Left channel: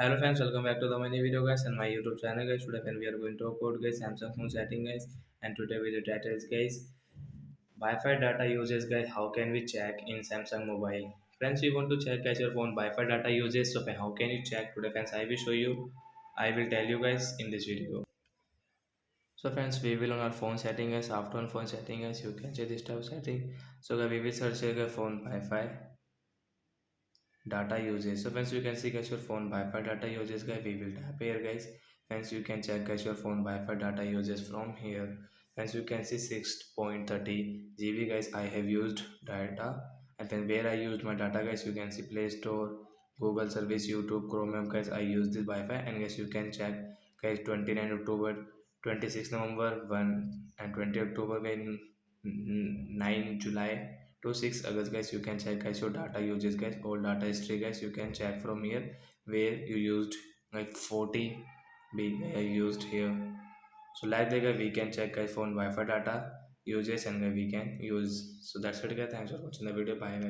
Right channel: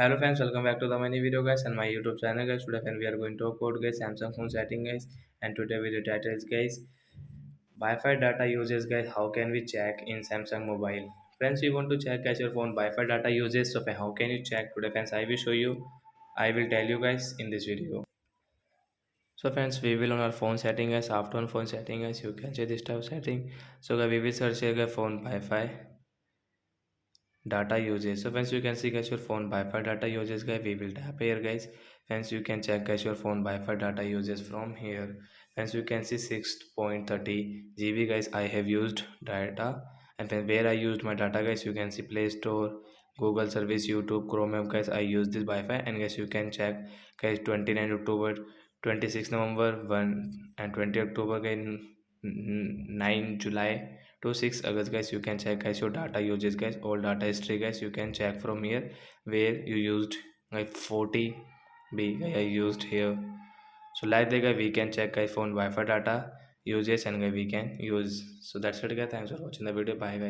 Hello friends, welcome back to the many video guys and my YouTube channel guys. Today friend, we are going to talk about guys Samsung phone setting guys, and today video title is guys Wi-Fi data uses guys. How can we check in Samsung mobile? Friends, we want to check guys your phone Wi-Fi data uses. So how can you check today friends? I will show you. I will tell you guys in this video. So friends, we will on our phone setting guys. After on phone setting guys, you can check this type of setting. So guys, we will search here guys phone Wi-Fi data usage. So once you can see guys your phone Wi-Fi data uses guys, we will tap here guys. Once you can check guys your phone Wi-Fi data uses from here. Once you can see 6.30 GB guys, I have used data. And when where I used my data guys, you can see Play Store, Google service, YouTube, Chrome guys. I use this Wi-Fi, and guys you can check guys 29 October, 26 November, 1 and 20 October guys, 9 July to 6 August guys. You can check guys your data uses guys, all data history guys. You can check from here where you used like 40 B I used here. So like that guys, we can check guys phone Wi-Fi data uses, and guys we can use. So that's it guys, thanks for watching the video, bye guys.